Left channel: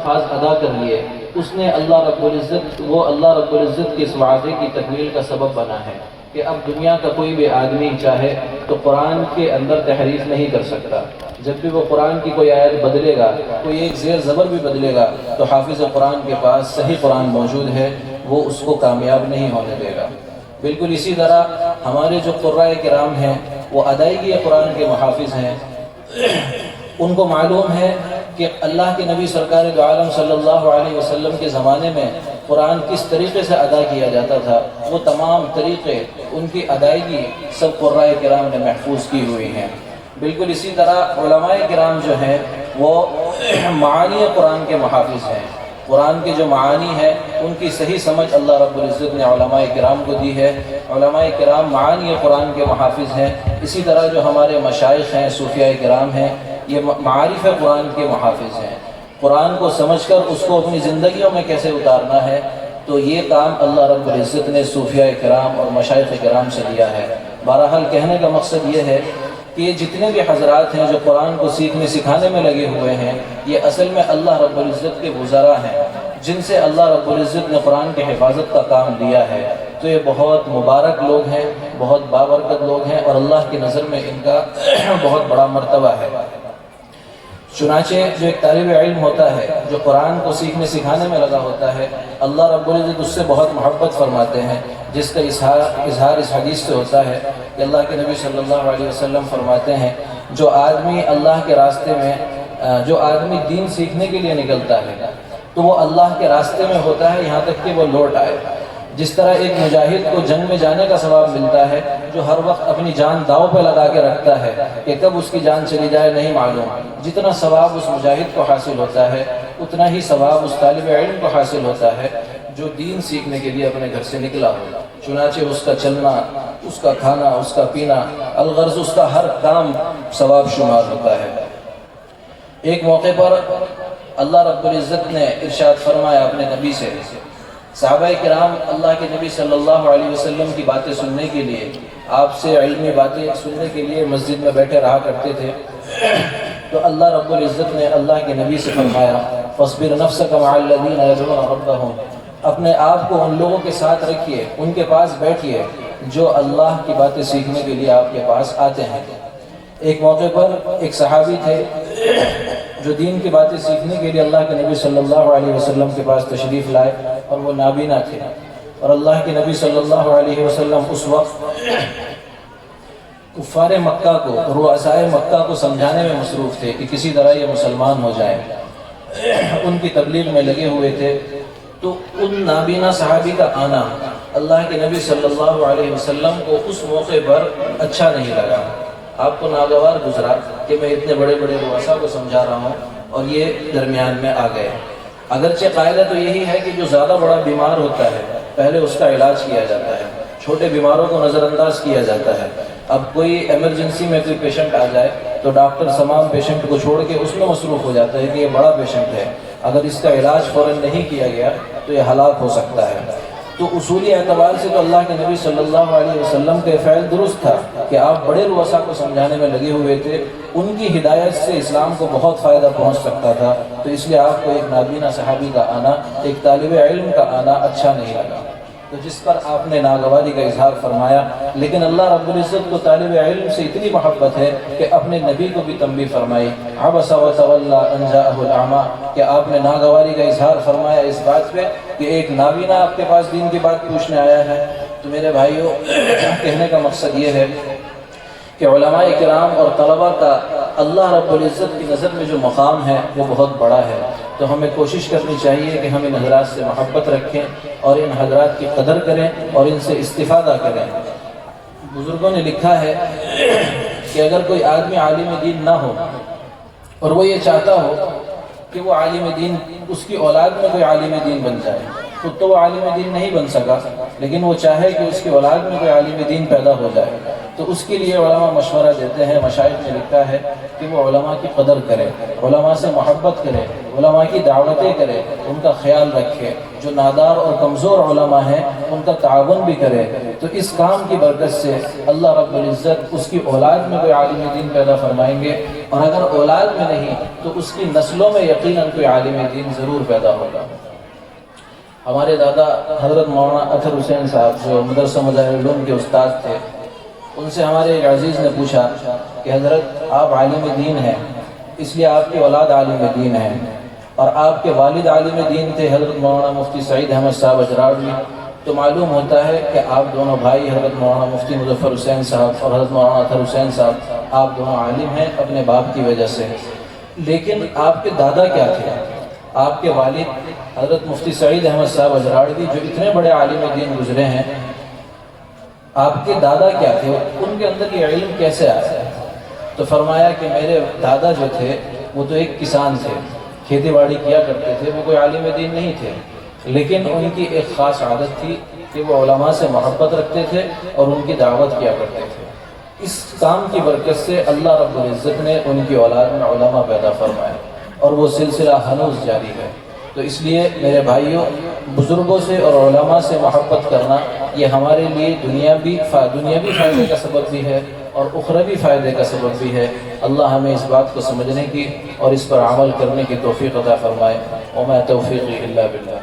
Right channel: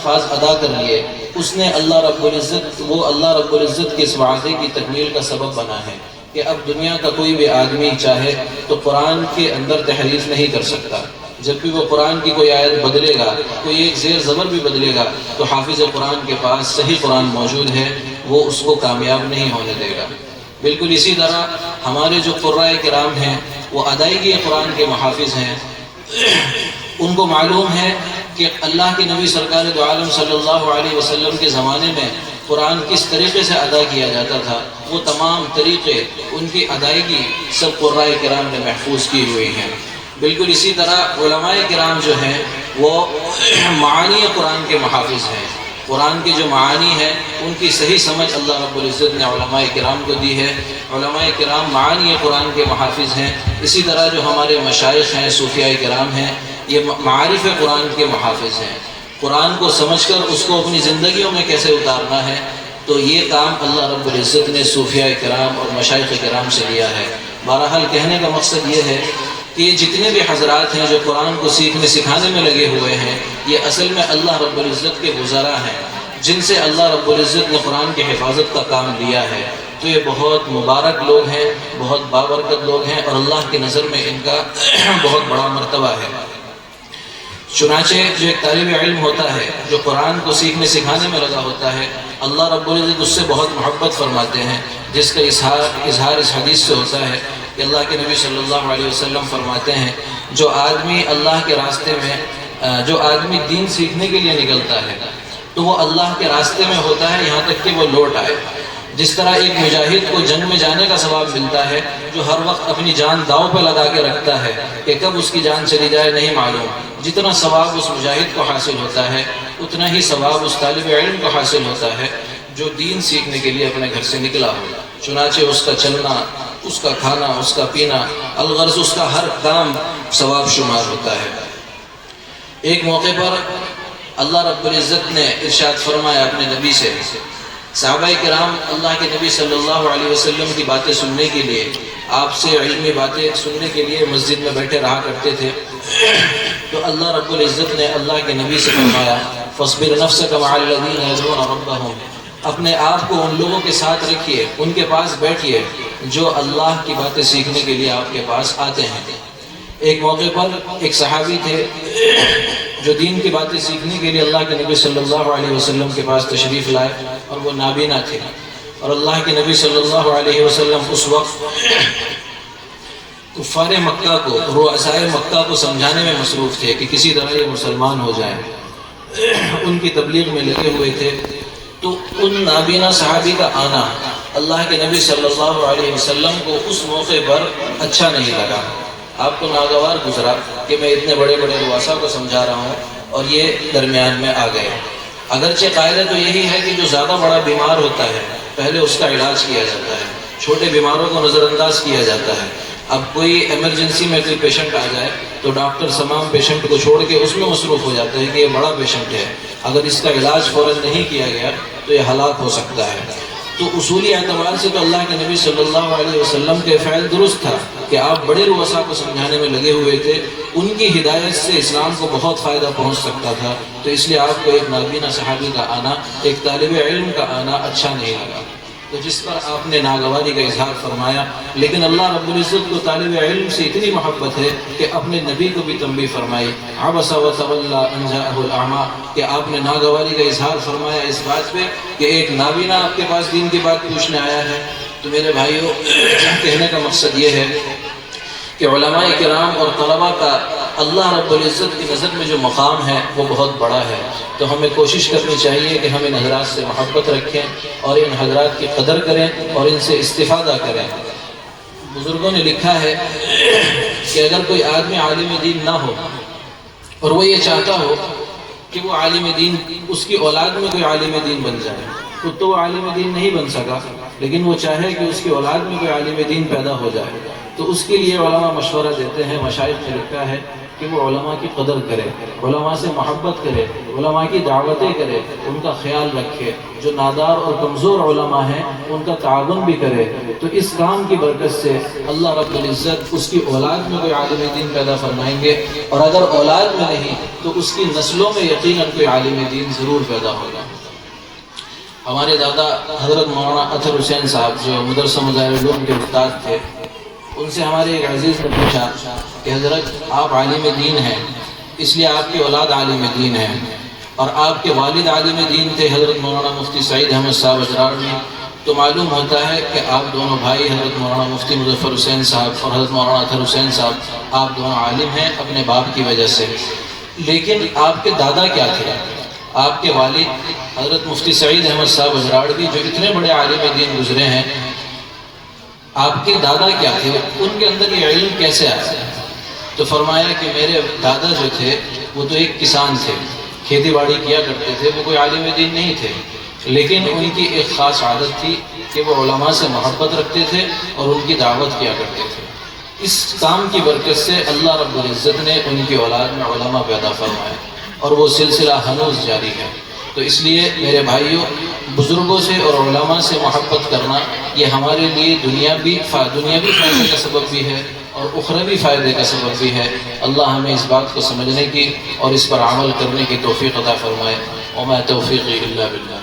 الفاظ ادا کر لیے، اس نے اللہ رب العزت کے اس وعدے کی تکمیل کا سبب بنا ہے کہ اب دنیا کا کوئی بھی آدمی چاہے تو قرآن کے اندر تحریف نہیں کر سکتا۔ جب بھی وہ قرآن کی کوئی آیت بدلے گا، کوئی ایک زیر زبر بھی بدلے گا، تو حافظ قرآن کے پاس صحیح قرآن موجود ہے، وہ اس کو کامیاب نہیں ہونے دے گا۔ بالکل اسی طرح ہمارے جو قرائے کرام ہیں وہ ادائیگی قرآن کے محافظ ہیں۔ ان کو معلوم ہے کہ اللہ کے نبی سرکار دو عالم صلی اللہ علیہ وسلم کے زمانے میں قرآن کس طریقے سے ادا کیا جاتا تھا، وہ تمام طریقے، ان کی ادائیگی سب قرائے کرام نے محفوظ کی ہوئی ہیں۔ بالکل اسی طرح علماء کرام جو ہیں وہ معانی قرآن کے محافظ ہیں۔ قرآن کی جو معانی ہے ان کی صحیح سمجھ اللہ رب العزت نے علماء کرام کو دی ہے۔ علماء کرام معانی قرآن کے محافظ ہیں۔ اسی طرح جو ہمارے مشائخ ہیں، صوفیاء کرام ہیں، یہ معارف قرآن کے محافظ ہیں۔ قرآن کو سمجھ کر اس کو اپنی زندگیوں میں کیسے اتارنا ہے، تو یہ کام اللہ رب العزت نے صوفیاء کرام اور مشائخ کرام سے لیا ہے۔ بہرحال کہنے کا مقصد یہ ہے کہ یہ جتنے بھی حضرات ہیں جو قرآن کو سیکھنے سکھانے میں لگے ہوئے ہیں، یہ اصل میں اللہ رب العزت کے وزراء ہیں، جن سے اللہ رب العزت نے قرآن کی حفاظت کا کام لیا ہے۔ تو یہ بہت مبارک لوگ ہیں، بہت بابرکت لوگ ہیں، اور اللہ کی نظر میں ان کا بہت بڑا مرتبہ ہے۔ چنانچہ جو ایک طالب علم ہوتا ہے جو قرآن کو سیکھنے سکھانے میں لگا ہوتا ہے، اللہ رب العزت اس سے بہت محبت فرماتے ہیں، جس کا اظہار اس حدیث سے ہوتا ہے کہ اللہ کے نبی صلی اللہ علیہ وسلم فرماتے ہیں جو آدمی اللہ کے راستے میں، جو آدمی دین سیکھنے کے لیے نکلتا ہے تو وہ اللہ کے راستے میں ہوتا ہے یہاں تک کہ وہ لوٹ آئے۔ جس طرح ایک مجاہد کو جنگ میں جانے کا ثواب ملتا ہے، جو ہر وقت اپنی جان داؤ پہ لگا کے رکھتا ہے کہ کب اس کی جان چلی جائے نہیں معلوم، جتنا ثواب اس مجاہد کو حاصل ہوتا ہے اتنا ہی ثواب اس طالب علم کو حاصل ہوتا ہے جو دین سیکھنے کے لیے اپنے گھر سے نکلا ہو۔ چنانچہ اس کا چلنا، اس کا کھانا، اس کا پینا، الغرض اس کا ہر کام ثواب شمار ہوتا ہے۔ ایک موقع پر اللہ رب العزت نے ارشاد فرمایا اپنے نبی سے، صحابہ کرام اللہ کے نبی صلی اللہ علیہ وسلم کی باتیں سننے کے لیے، آپ سے علمی باتیں سننے کے لیے مسجد میں بیٹھے رہا کرتے تھے، تو اللہ رب العزت نے اللہ کے نبی سے فرمایا فاصبر نفسک مع الذین یدعون ربہم، اپنے آپ کو ان لوگوں کے ساتھ رکھیے، ان کے پاس بیٹھیے جو اللہ کی باتیں سیکھنے کے لیے آپ کے پاس آتے ہیں۔ ایک موقع پر ایک صحابی تھے جو دین کی باتیں سیکھنے کے لیے اللہ کے نبی صلی اللہ علیہ وسلم کے پاس تشریف لائے، اور وہ نابینا تھے، اور اللہ کے نبی صلی اللہ علیہ وسلم اس وقت کفار مکہ کو، رؤسائے مکہ کو سمجھانے میں مصروف تھے کہ کسی طرح یہ مسلمان ہو جائے، ان کی تبلیغ میں لگے ہوئے تھے۔ تو ان نابینا صحابی کا آنا اللہ کے نبی صلی اللہ علیہ وسلم کو اس موقع پر اچھا نہیں لگا۔ آپ کو ناگوار گزرا کہ میں اتنے بڑے بڑے رؤساء کو سمجھا رہا ہوں اور یہ درمیان میں آ گئے۔ اگرچہ قاعدہ تو یہی ہے کہ جو زیادہ بڑا بیمار ہوتا ہے پہلے اس کا علاج کیا جاتا ہے، چھوٹے بیماروں کو نظر انداز کیا جاتا ہے۔ اب کوئی ایمرجنسی میں کوئی پیشنٹ آ جائے تو ڈاکٹر تمام پیشنٹ کو چھوڑ کے اس میں مصروف ہو جاتا ہے کہ یہ بڑا پیشنٹ ہے، اگر اس کا علاج فوراً نہیں کیا گیا تو یہ ہلاک ہو سکتا ہے۔ تو اصولی اعتبار سے تو اللہ کے نبی صلی اللہ علیہ وسلم کے فعل درست تھا کہ آپ بڑے رؤساء کو سمجھانے میں لگے ہوئے تھے، ان کی ہدایت سے اسلام کو بہت فائدہ پہنچ سکتا تھا، تو اس لیے آپ کو ایک نابینا صحابی کا آنا، ایک طالب علم کا آنا اچھا نہیں لگا، تو جس پر آپ نے ناگواری کا اظہار فرمایا۔ لیکن اللہ رب العزت کو طالب علم سے اتنی محبت ہے کہ اپنے نبی کو بھی تنبیہ فرمائی، عبس وتولی ان جاءہ الاعمی، کہ آپ نے ناگواری کا اظہار فرمایا اس بات پہ کہ ایک نابینا آپ کے پاس دین کی بات پوچھنے آیا ہے۔ تو میرے بھائیوں، کہنے کا مقصد یہ ہے کہ علماء کرام اور طلباء کا اللہ رب العزت کی نظر میں جو مقام ہے وہ بہت بڑا ہے، تو ہمیں کوشش کرنی چاہیے کہ ہم ان حضرات سے محبت رکھیں اور ان حضرات کی قدر کریں اور ان سے استفادہ کریں۔ بزرگوں نے لکھا ہے کہ اگر کوئی آدمی عالم دین نہ ہو اور وہ یہ چاہتا ہو کہ وہ عالم دین، اس کی اولاد میں کوئی عالم دین بن جائے، خود تو وہ عالم دین نہیں بن سکا، لیکن وہ چاہے کہ اس کی اولاد میں کوئی عالم دین پیدا ہو جائے، تو اس کے لیے علماء مشورہ دیتے ہیں، مشائخ نے لکھا ہے کہ وہ علماء کی قدر کرے، علماء سے محبت کرے، علماء کی دعوتیں کرے، ان کا خیال رکھے، جو نادار اور کمزور علماء ہیں ان کا تعاون بھی کرے۔ تو اس کام کی برکت سے اللہ رب العزت اس کی اولاد میں کوئی عالم دین پیدا فرمائیں گے، اور اگر اولاد میں نہیں تو اس کی نسلوں میں یقیناً کوئی عالم دین ضرور پیدا ہوگا۔ ہمارے دادا حضرت مولانا اطہر حسین صاحب جو مدرسہ مظاہر العلوم کے استاد تھے، ان سے ہمارے ایک عزیز نے پوچھا کہ حضرت آپ عالم دین ہیں، اس لیے آپ کی اولاد عالم دین ہے، اور آپ کے والد عالم دین تھے حضرت مولانا مفتی سعید احمد صاحب اجراڑوی، تو معلوم ہوتا ہے کہ آپ دونوں بھائی حضرت مولانا مفتی مظفر حسین صاحب اور حضرت مولانا اطہر حسین صاحب آپ دونوں عالم ہیں اپنے باپ کی وجہ سے۔ لیکن آپ کے دادا کیا تھے؟ آپ کے والد حضرت مفتی سعید احمد صاحب اجراڑوی جو اتنے بڑے عالم دین گزرے ہیں، آپ کے دادا کیا تھے؟ ان کے اندر یہ علم کیسے آیا؟ تو فرمایا کہ میرے دادا جو تھے وہ تو ایک کسان تھے، کھیتی باڑی کیا کرتے تھے، وہ کوئی عالم دین نہیں تھے، لیکن ان کی ایک خاص عادت تھی کہ وہ علماء سے محبت رکھتے تھے اور ان کی دعوت کیا کرتے تھے۔ اس کام کی برکت سے اللہ رب العزت نے ان کی اولاد میں علماء پیدا فرمائے، اور وہ سلسلہ ہنوز جاری ہے۔ تو اس لیے میرے بھائیوں، بزرگوں سے اور علماء سے محبت کرنا یہ ہمارے لیے دنیاوی فائدے کا سبب بھی ہے اور اخروی فائدے کا سبب بھی ہے۔ اللہ ہمیں اس بات کو سمجھنے کی اور اس پر عمل کرنے کی توفیق عطا فرمائے۔ وما توفیقی الا باللہ۔